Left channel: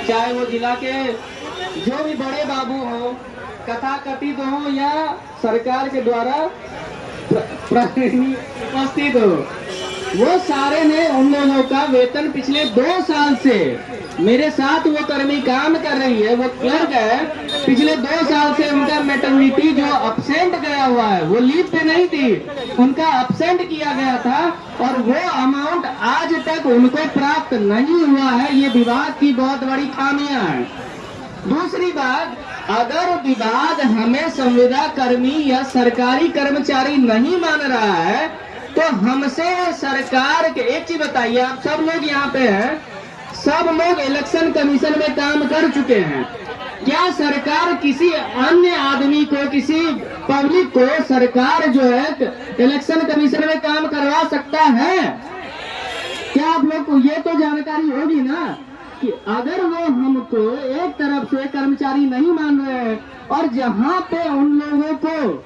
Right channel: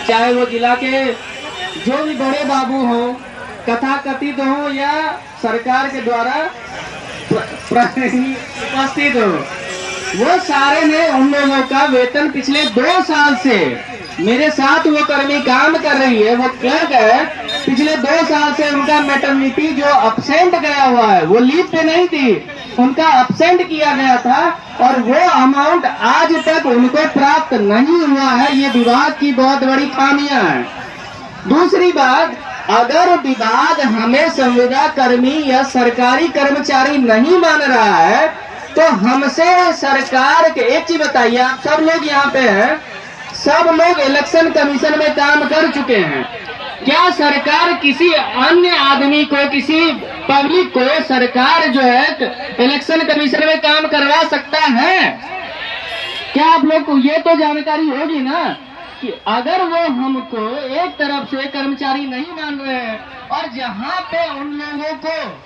चाहे वो जिला के जो भी बड़े बाबू हो, कथाकथित हो या सरकार के द्वारा उपस्थित हो, वो सारे ने उन लोगों का वेतन पिछले 2 साल से मेरे साथ वो कर्मी काम कर रही है, वो क्लर्क है, पिछले 2 साल से उनका मैटरनिटी जो अब्सेंट गया हुआ है, वो लीव पे नहीं थी, उनका अब्सेंट किया गया था और वो अमाउंट आज तक उनको प्राप्त नहीं हुआ है। ये विभाग की बहुत बड़ी खामियां हैं। दूसरी बात, अगर विभाग हमें संविदा कर्मी या सरकारी कर्मचारी नहीं मान रहा है तो हमसे सरकार के, एक चीज बताइए, आप सब लोग यहाँ पे हैं, सब लोग इलेक्शन कमीशन में काम कर चुके हैं, क्या सरकार किसी अन्य आदमी को, किसी पब्लिक को सरकार जो है इलेक्शन कमीशन में काम करवा सकता है? क्या आप लोग को ये तो जानकारी होगी ना कि अगर वो हमको एक तरफ से कर्मचारी नहीं मान रहे हैं और जहाँ पे उन लोगों को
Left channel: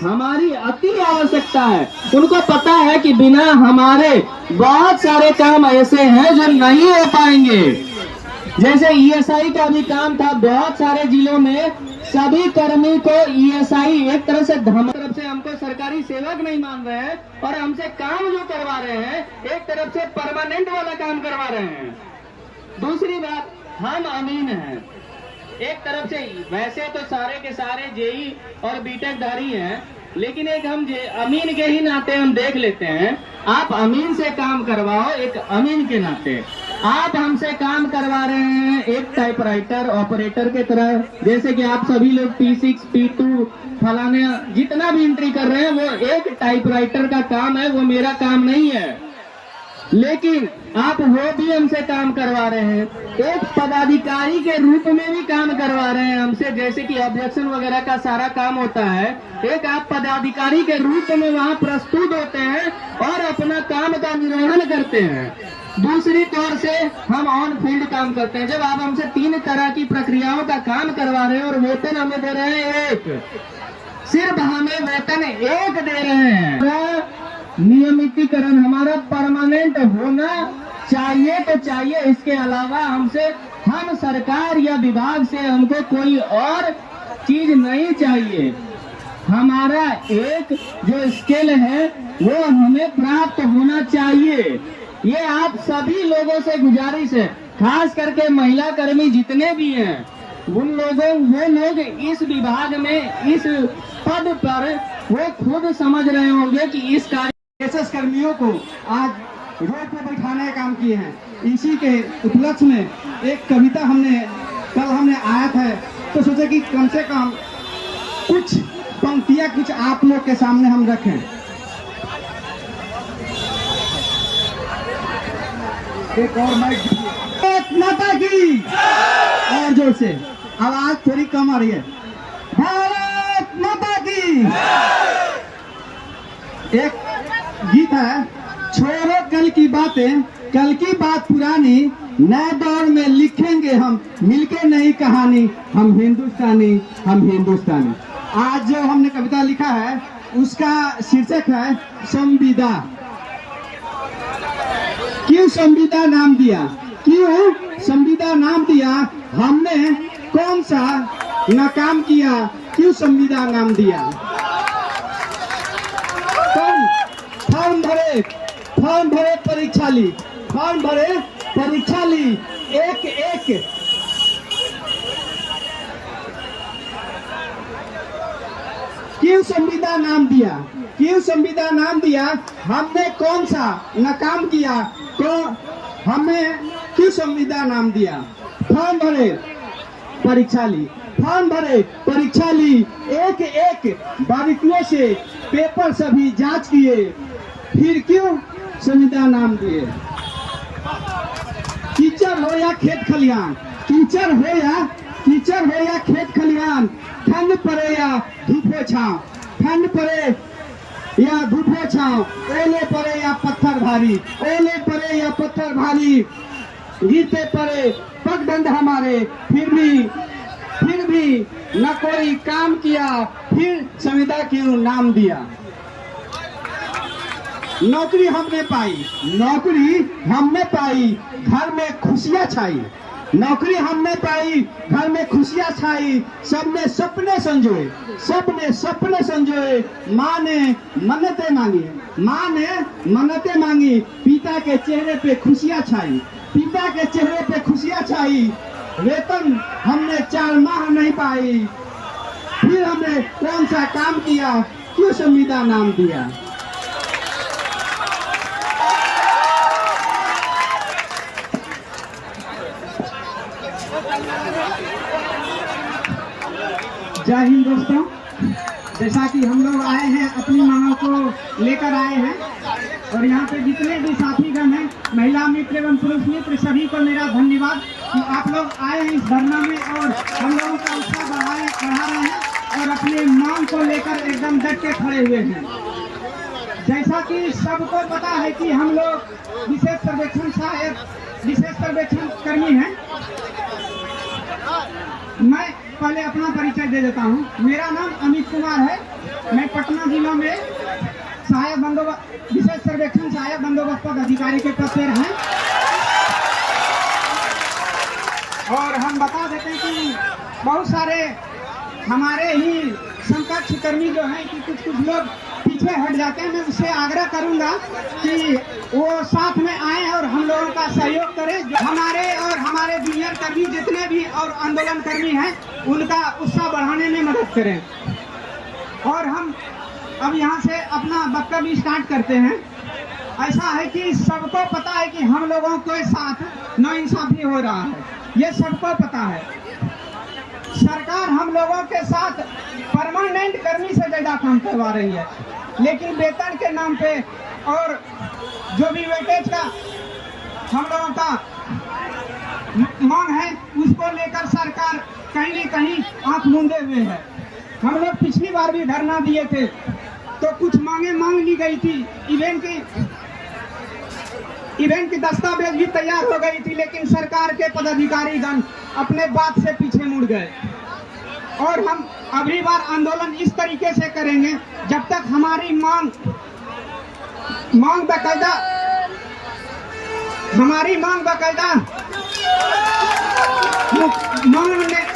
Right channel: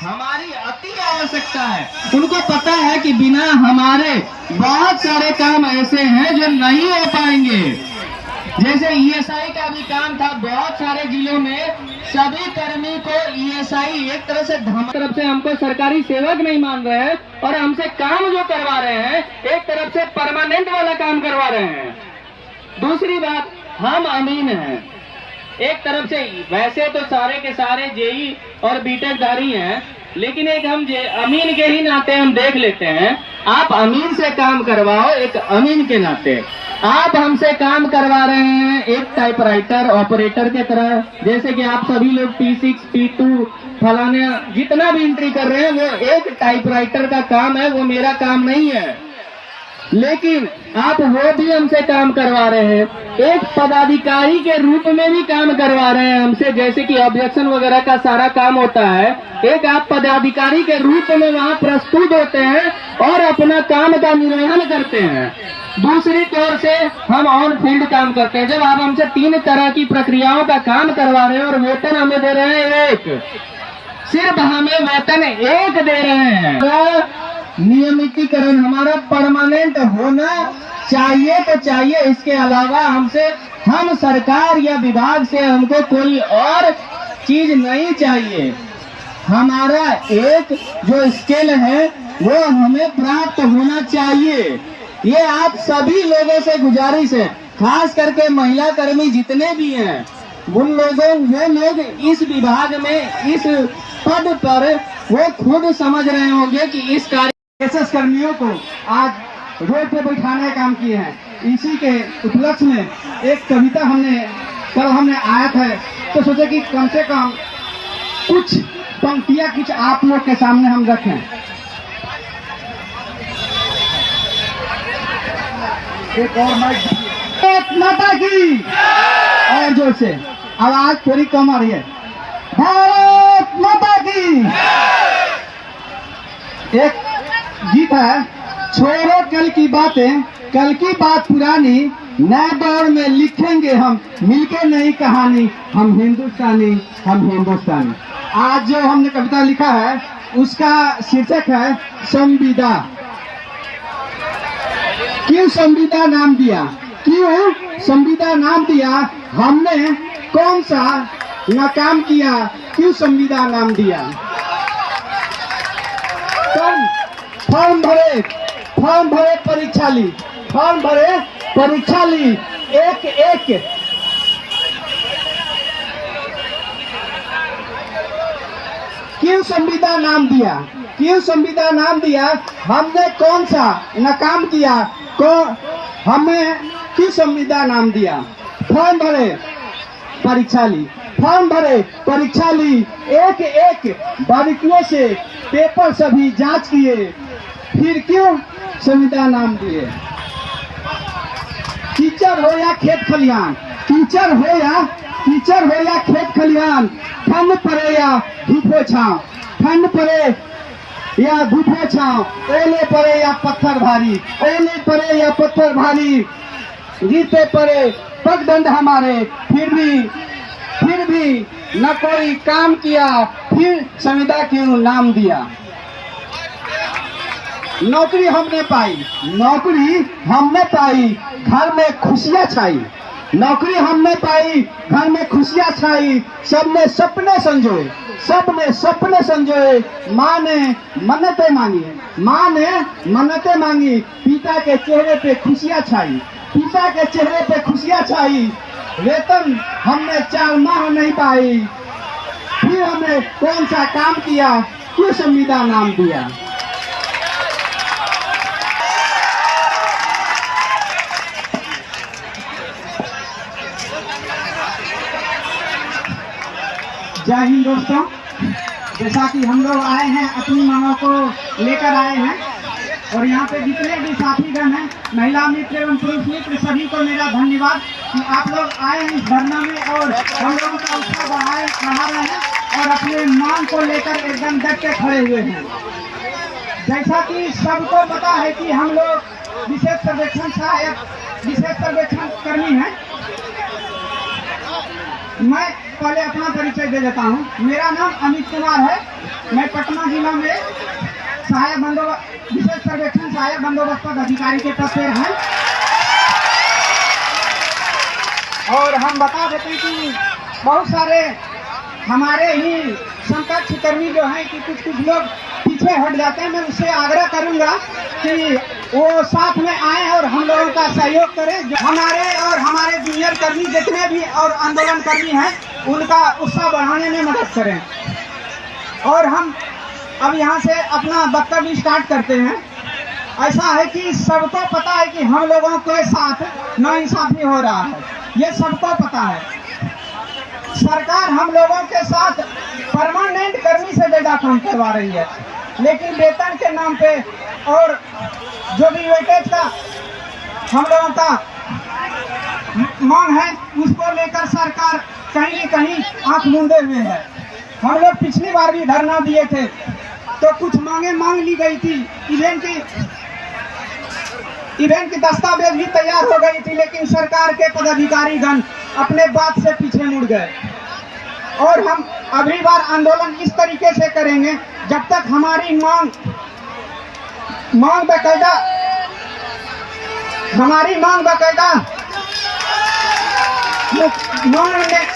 हमारी अति आवश्यकता है, उनको पता है कि बिना हमारे बहुत सारे काम ऐसे हैं जो नहीं हो पाएंगे। जैसे ईएसआई का भी काम था, बहुत सारे जिलों में सभी कर्मी को ईएसआई एक तरह से तरफ से हमको सरकारी सेवक नहीं मान रहे हैं और हमसे काम जो करवा रहे हैं एक तरफ से परमानेंट वाला काम करवा रहे हैं। दूसरी बात, हम अमीन हैं, एक तरफ से वैसे तो सारे के सारे जेई और बीटेक धारी हैं, लेकिन एक हम अमीन के ही नाते हम देख लेते हैं, आप अमीन से काम करवाओ, एक अमीन के नाते आप हमसे काम करवा रहे हैं एक टाइपराइटर ऑपरेटर के तरह, जैसे कि आप सभी लोग P6 P2 फलाने जितना भी एंट्री कर रहे हैं वो एक टाइपराइटर का काम है, वो मेरा काम नहीं है, लेकिन आप वो भी हमसे काम करवा रहे हैं, एक पदाधिकारी के रूप में भी काम करवा रहे हैं हमसे, जैसे कि ऑब्जेक्शन वगैरह का सारा काम होता है, एक आप पदाधिकारी के रूप में वहाँ प्रस्तुत होते हैं और अपना काम का निर्वहन करते हैं। दूसरी तौर से हम ऑन फील्ड काम करते हैं, जब आप हमसे 3 तरह की प्रक्रियाओं का काम करवा रहे हैं और वेतन हमें दे रहे हैं एक, सिर्फ हमें वेतन एक दे रहे हैं। नियमितीकरण हमारा परमानेंट होना चाहिए तो चाहिए, इसके अलावा हमसे, हम सरकार या विभाग से हमको कोई और चीज नहीं चाहिए। हमारा एक जो स्केल है वो हमें प्राप्त होना चाहिए। ये आप सभी लोगों से गुजारिश है, खास करके महिला कर्मी जितने भी हैं, वो लोग इस विभाग में इस पद पर वो खुद समझ रहे होंगे कि इस कार्य कर्मियों को आज रोड पे बैठाने का काम किए हैं। इसी के उपलक्ष्य में एक कविता कल हमने आया था, तो सोचे कि कम से कम कुछ पंक्तियां कुछ आप लोग के सामने हम रखें। एक और माइक माता की, और जोर से, आवाज थोड़ी कम आ रही है। भारत माता की। एक गीत है, छोड़ो कल की बातें, कल की बात पुरानी, नए दौर में लिखेंगे हम मिलके नई कहानी, हम हिंदुस्तानी, हम हिंदुस्तानी। आज जो हमने कविता लिखा है उसका शीर्षक है संविदा। क्यों संविदा नाम दिया, क्यों संविदा नाम दिया, हमने कौन सा नाकाम किया, क्यों संविदा नाम दिया। फॉर्म भरे परीक्षा ली, फॉर्म भरे परीक्षा ली, एक एक क्यों संविदा नाम दिया, क्यों संविदा नाम दिया, हमने कौन सा नाकाम किया, हमें क्यों संविदा नाम दिया। फॉर्म भरे परीक्षा ली, फॉर्म भरे परीक्षा ली, एक एक बारीकियों से पेपर सभी जांच किए, फिर क्यों संविदा नाम दिए। कीचड़ हो या खेत खलिहान, कीचड़ हो या खेत खलिहान, ठंड पड़े या धूपो छांव, ठंड पड़े या धूपो छांव, ओले पड़े या पत्थर भारी, ओले पड़े या पत्थर भारी, गिरते पड़े पगडंड हमारे, फिर भी न कोई काम किया, फिर संविदा क्यों नाम दिया। नौकरी हमने पाई, घर में खुशियां छाई, नौकरी हमने पाई, घर में खुशियां छाई, सबने सपने संजोए, सबने सपने संजोए। माँ ने मन्नतें मांगी, माँ ने मन्नतें मांगी, पिता के चेहरे पे खुशियां छाई, पिता के चेहरे पे खुशियां छाई। वेतन हमने 4 माह नहीं पाई, फिर हमने कौन सा काम किया, क्यों संविदा नाम दिया। जय हिंद दोस्तों, जैसा कि हम लोग आए हैं अपनी मांगों को लेकर आए हैं और यहाँ पे जितने भी साथीगण हैं, महिला मित्र एवं पुरुष मित्र, सभी को मेरा धन्यवाद कि आप लोग आए हैं इस धरना में और हम लोगों का उत्साह बढ़ा रहे हैं और अपने मांग को लेकर एकदम डट के खड़े हुए हैं। जैसा कि सबको पता है कि हम लोग विशेष सर्वेक्षण सहायक, विशेष सर्वेक्षण कर्मी हैं। मैं पहले अपना परिचय दे देता हूँ। मेरा नाम अमित कुमार है। मैं पटना जिला में सहायक बंदोबस्त, विशेष सर्वेक्षण सहायक बंदोबस्त अधिकारी के पद पर हैं। और हम बता देते हैं कि बहुत सारे हमारे ही समकक्ष कर्मी जो हैं कि कुछ लोग पीछे हट जाते हैं। मैं उससे आग्रह करूंगा कि वो साथ में आए और हम लोगों का सहयोग करें। हमारे और हमारे जूनियर कर्मी जितने भी और आंदोलन कर्मी हैं, उनका उत्साह बढ़ाने में मदद करें। और हम अब यहाँ से अपना वक्तव्य स्टार्ट करते हैं। ऐसा है कि सबको पता है कि हम लोगों के साथ नाइंसाफी हो रहा है, ये सबको पता है। सरकार हम लोगों के साथ परमानेंट कर्मी से ज्यादा काम करवा रही है, लेकिन वेतन के नाम पे और जो भी वेटेज का हम लोगों का मांग है, उसको लेकर सरकार कहीं न कहीं आंख मूंदे हुए है। हम लोग पिछली बार भी धरना दिए थे तो कुछ मांगे मांग ली गई थी, इवेंट की दस्तावेज भी तैयार हो गई थी, लेकिन सरकार के पदाधिकारीगण अपने बात से पीछे मुड़ गए। और हम अगली बार आंदोलन इस तरीके से करेंगे जब तक हमारी मांग बाकायदा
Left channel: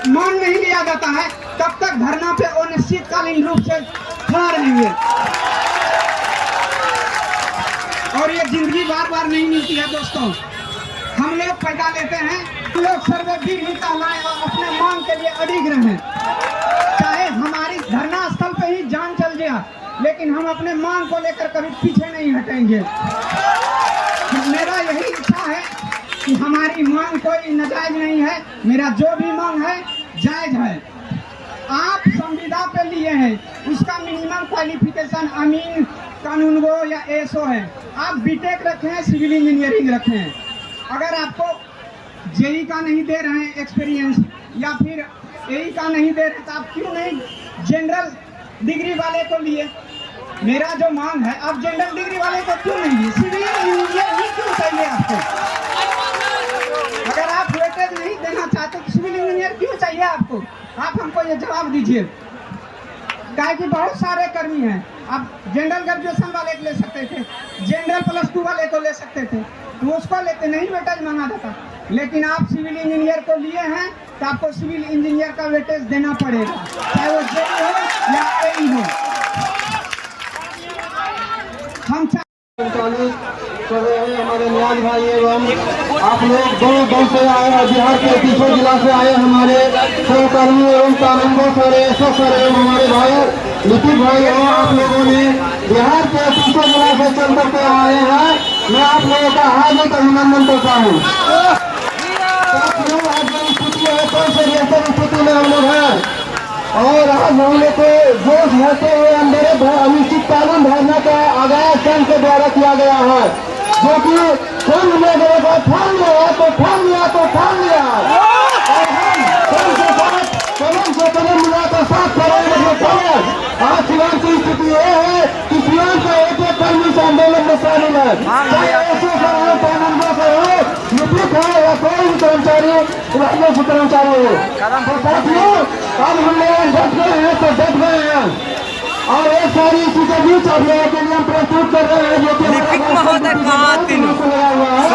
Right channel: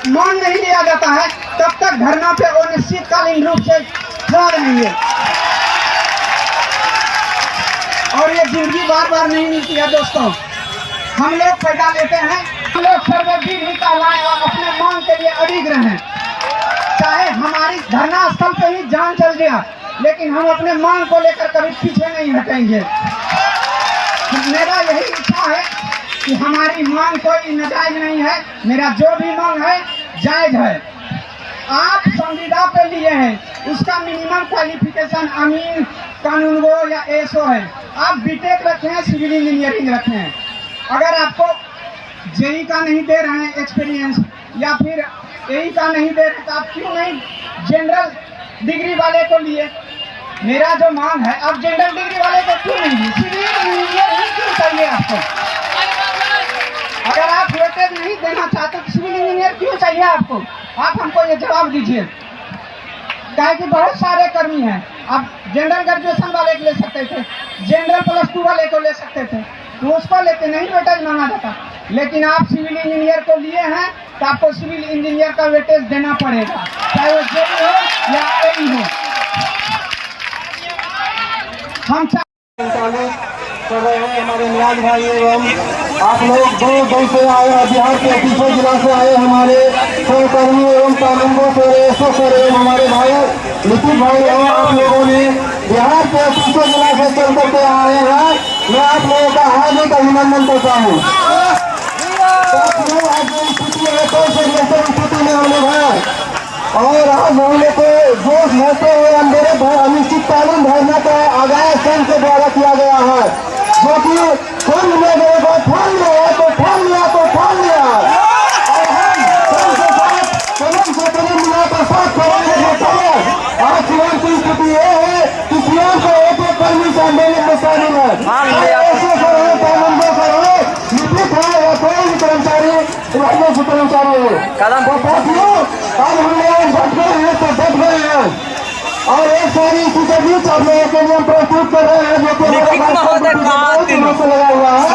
मान नहीं लिया जाता है, तब तक धरना पे अनिश्चितकालीन रूप से खड़ा रहेंगे। और ये जिंदगी बार बार नहीं मिलती है दोस्तों। हम लोग पैदा लेते हैं, हम लोग सर्ववीर ही कहलाएं और अपने मांग के लिए अडिग रहें। चाहे हमारी धरना स्थल पे ही जान चल गया, लेकिन हम अपने मांग को लेकर कभी पीछे नहीं हटेंगे। मेरा यही इच्छा है कि हमारी मांग कोई नाजायज नहीं है, मेरा जो भी मांग है जायज है। आप संविदा पे लिए हैं, उसका मिनिमम क्वालिफिकेशन अमीन, कानूनगो या एसओ है। आप बीटेक रखे हैं, सिविल इंजीनियरिंग रखे हैं। अगर आपको जेई का नहीं दे रहे हैं एक्सपीरियंस, या फिर एई का नहीं दे रहे, तो आप क्यों नहीं जनरल डिग्री वाले को लिए? मेरा जो मांग है, आप जनरल डिग्री वाले को क्यों नहीं, सिविल इंजीनियर ही क्यों चाहिए आपको? अगर आप वेटेज नहीं देना चाहते तो सिविल इंजीनियर क्यों चाहिए आपको? आप हमको ये जवाब दीजिए। क्या कि बहुत सारे कर्मी हैं, आप जनरल ग्रेजुएशन वाले को ले सकते थे, जनरल +2 वाले को ले सकते थे, तो उसको लेते नहीं वेटेज मांगा जाता। लेकिन आप सिविल इंजीनियर को लिए हैं तो आपको सिविल इंजीनियर का वेटेज देना पड़ेगा, चाहे वो जेई हो या एई हो। हम हमारे मिलान भाई एवं आप लोग दूर दूर से आए, बिहार के तीसरे जिला से आए हमारे सहकर्मी एवं कानूनों से ऐसा करे हमारे भाई नीति भाई एवं आप लोगों ने बिहार के तीसरे जिला से चल करके आए हैं। मैं आप लोगों का हार्दिक अभिनंदन करता हूँ। स्थिति है, कोई से जैसे स्थिति में हम लोग हैं और आज हम लोग को जोश भरते हुए अंदर अनिश्चितकालीन धरना का आगाज संघ के द्वारा किया गया है, जो कि संघ में लोगों को ठान लिया तो ठान लिया तो ठान लिया और हम संघ के साथ कदम से कदम मिला तो साथ करेंगे। आज सियान की स्थिति यह है कि सियान का एक कर्मी से आंदोलन में शामिल है, ऐसे सरकार कानून करो लिपिक है या कोई भी कर्मचारी राजस्व कर्मचारी हो। तो साथियों, अब हम लोग डट गए हैं तो डट गए हैं और एक सारी इसी के बीच आप लोगों के लिए हम प्रस्तुत कर रहे हैं, जो कि लगा हुआ है।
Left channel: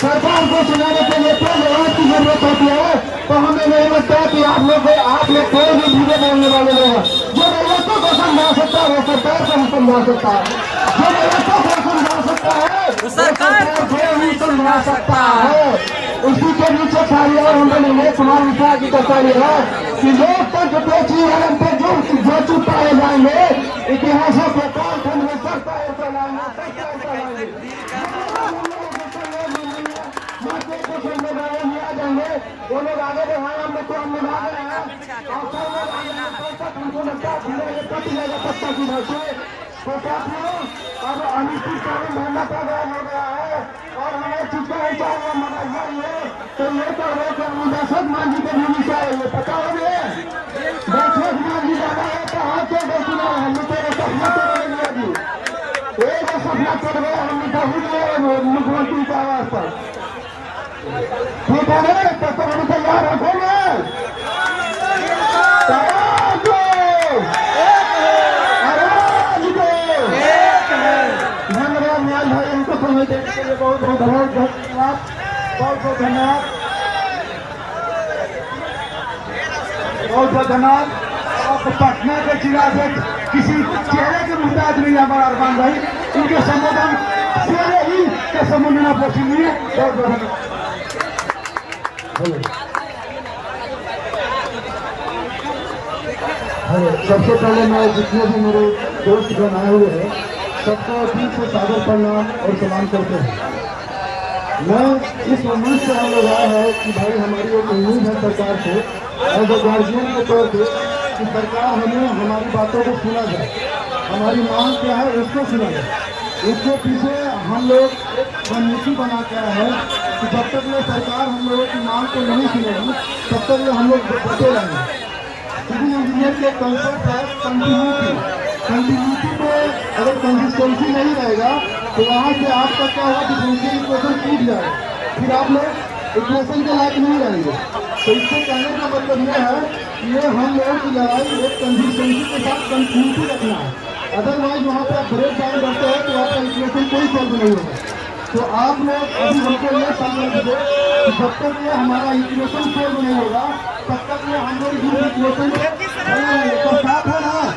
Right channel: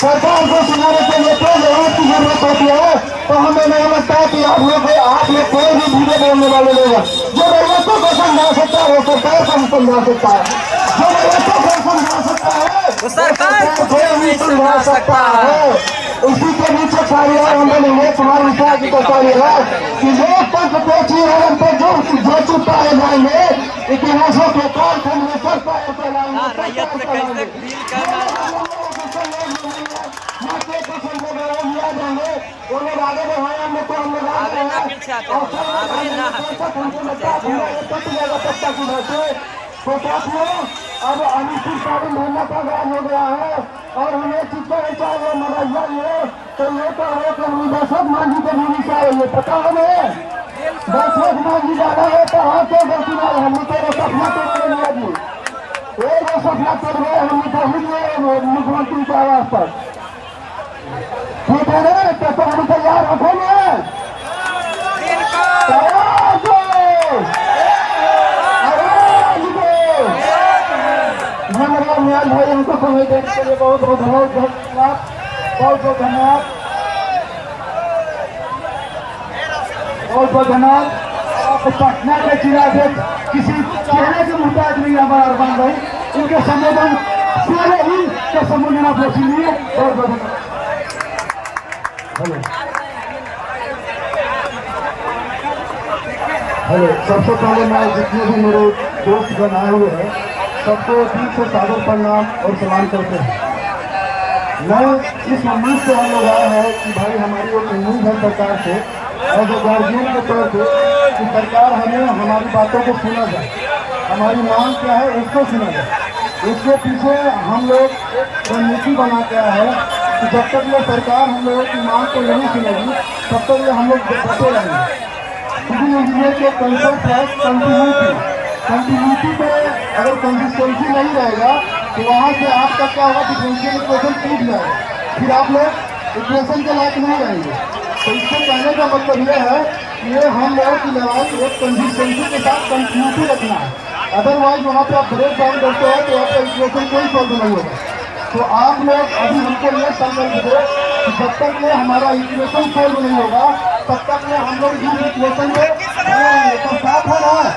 सरकार को सुनाने के लिए तेज आवाज की जरूरत होती है। तो हमें नहीं समझता कि आप लोग कोई भी धीरे बोलने वाले लोग हैं। जो रैयतों को समझा सकता है वो सरकार को समझा सकता है, जो रैयतों को समझा सकता है वो सरकार को भी समझा सकता है। इसी के नीचे कार्यवाही उन्होंने ये तुम्हारी विचार की सरकारी है कि लोकतंत्र पे जीवन पे जो पाए जाएंगे इतिहासों के काल खंड में सब पाए चलाएंगे। वो लोग आगे बढ़ाए, हम लोग को हम लोग आगे बढ़ाए और तो साथियों अब अनिश्चितकालीन धरना का राज हो गया है और हमें किसका विचार है मगैया ये तो ये तो है कि हम दशरथ मांझी को भी चाहिए। पता हमें दशरथ मांझी ज्यादा है तो हाँ क्यों गलती नहीं, हम तेरे सपना तो लिया जी ये जो सपना चल रहा है हम तो ही नहीं मुख्यमंत्री की आवाज पर ठीक है तो सब तैयार रखोगे भाई उनको समय देने के लिए बहुत बहुत धन्यवाद, बहुत बहुत धन्यवाद, बहुत बहुत धन्यवाद। पटना के जिला से किसी चेहरे के मुहताज नहीं है बड़ा अरमान भाई, इनके संबोधन सारे ही के संबोधन आप लोग सुनिए। बहुत बहुत सबसे पहले मैं जितने भी मेरे दोस्त जन आए हुए हैं सबको ठीक से सादर प्रणाम और सलाम करते हैं। मैं इस उम्मीद से हम लोग आए हैं कि भाई हमारी एक उम्मीद है सरकार से और जो गार्जियन के तौर पर कि सरकार हमें हमारी बातों को सुना जाए, हमारी मांग क्या है उसको सुना जाए। इसके पीछे हम लोग एक रणनीति बना के आए हैं कि जब तक ये सरकार हम लोगों की मांग को नहीं सुनेगी तब तक ये हम लोग बचे रहेंगे। सिविल इंजीनियर के कंसेप्ट है कंटिन्यूटी पर अगर कंसिस्टेंसी नहीं रहेगा तो वहाँ से आपका क्या होगा, डिफरेंशियल इक्वेशन टूट जाएगा, फिर आप लोग इक्वेशन के लायक नहीं रहेंगे। तो इससे कहने का मतलब यह है कि ये हम लोगों की लड़ाई एक कंसिस्टेंसी के साथ कंटिन्यूटी रखना है। अदरवाइज वहाँ पर आप ब्रेक डाउन करते हैं तो आपका इक्वेशन कोई सॉल्व नहीं होगा। तो आप लोग अभी हमको ये संकल्प दो कि जब तक ये हमारा इक्वेशन सॉल्व नहीं होगा तब तक ये हम लोग इस इक्वेशन को तो साफ हो रहा है।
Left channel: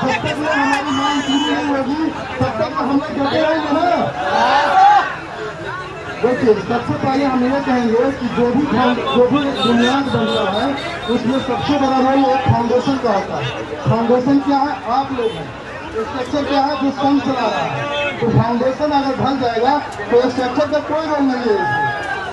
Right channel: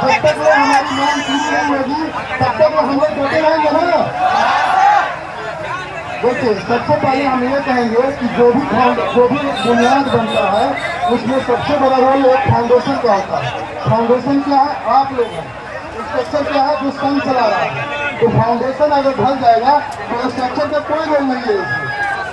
जब तक वो हमारी मांग पूरी नहीं होगी तब तक हम लोग डटे रहेंगे ना। देखिए सबसे पहले हम ये कहेंगे कि जो भी बुनियाद बनता है उसमें सबसे बड़ा रोल एक फाउंडेशन का आता है। फाउंडेशन क्या है, आप लोग हैं। स्ट्रक्चर क्या है, जो संघ चला रहा है। तो फाउंडेशन अगर ढल जाएगा तो स्ट्रक्चर का कोई रोल नहीं है इसमें।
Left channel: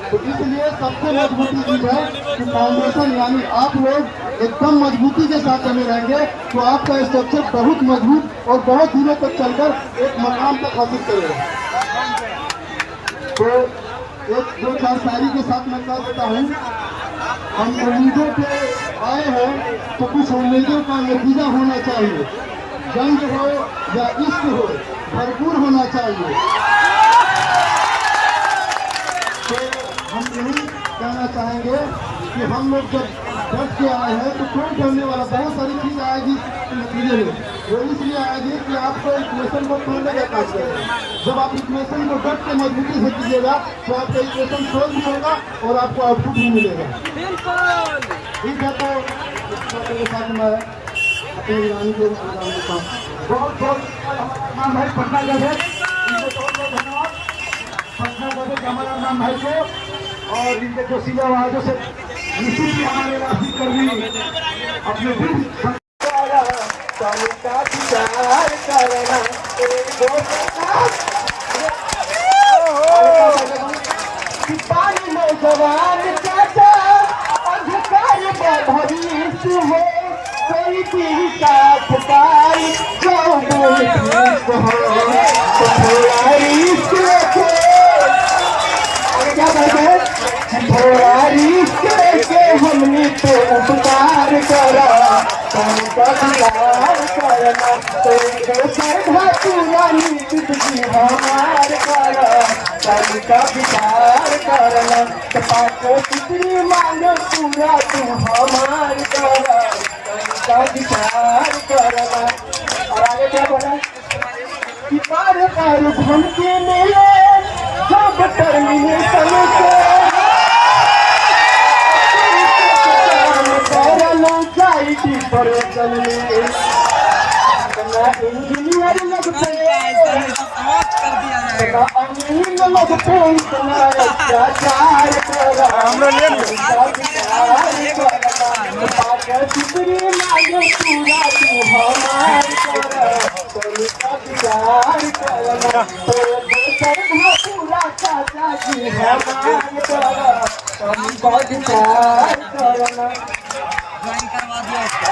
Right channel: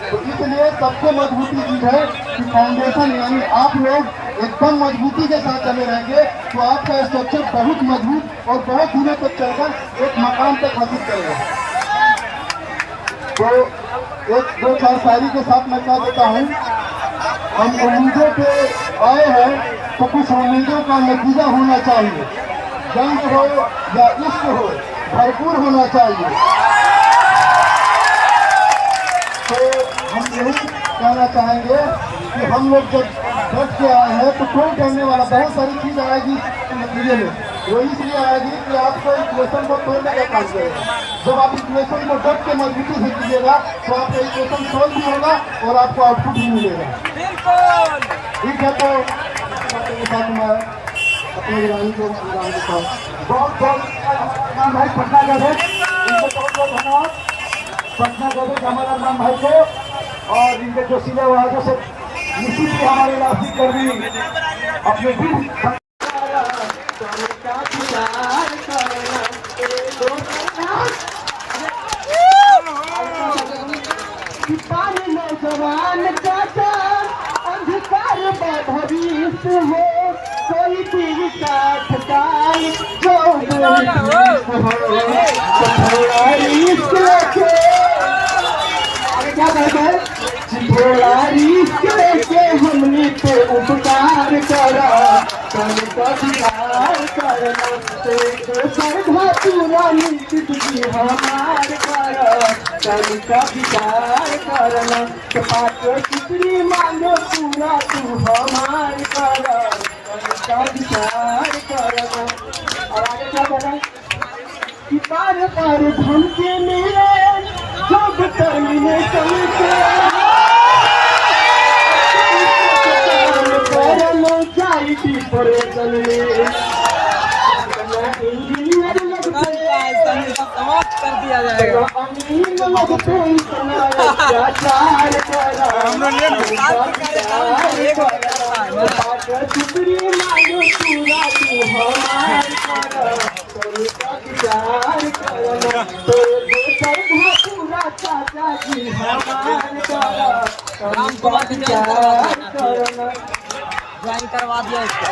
तो इसलिए सबसे मजबूती चीज है कि फाउंडेशन यानी आप लोग एकदम मजबूती के साथ चले रहेंगे तो आपका स्ट्रक्चर बहुत मजबूत और बहुत दिनों तक चलकर एक मकाम तक हासिल करेगा। तो एक दो चार शायरी के साथ मैं कह देता हूँ, हम उम्मीदों पे आए हैं तो कुछ उम्मीदों का नतीजा होना चाहिए। जंग हो या इश्क हो भरपूर होना चाहिए। तो हम यही कहना चाहेंगे कि हम लोग जब डट के आए हैं तो कोई डरने वाला बहुत सारी चीज आएगी नतीजे में, वो इसलिए आएगी कि आपको इक्वेशन को तोड़ने का काम करेगा। जब आप इक्वेशन को डट के मजबूती से कीजिएगा तो आपका इक्वेशन सॉल्व भी होगा और आपको आउटपुट भी मिलेगा। ठीक है, तो अपने बहुत बहुत राम भाई पटना गए थे, इनको बहुत बहुत धन्यवाद। पटना गए थे जमादार राम भाई को और इनके जो सीधे आवाजों से निश्चित ही हमारे राष्ट्रीय कर्मी अपने नौजवान चाचा अधिकार भविष्य है कोई भी साथ पाई जो हमने तो उपकार करा पूरा नीति हमार का विचार करना कितनी मांगो पूरा तू हमार का विचार करना। आगे क्या बोला कि पार धन के मिले जब अमीर लोग पे इतना अत्याचार करा चितरी लागे पूरा तू हमार करा प्यार करा तो दोसर पूरा चाचा जी हमार करा हम बहुत प्यार करना ज्वाइन करवा दिया इसको।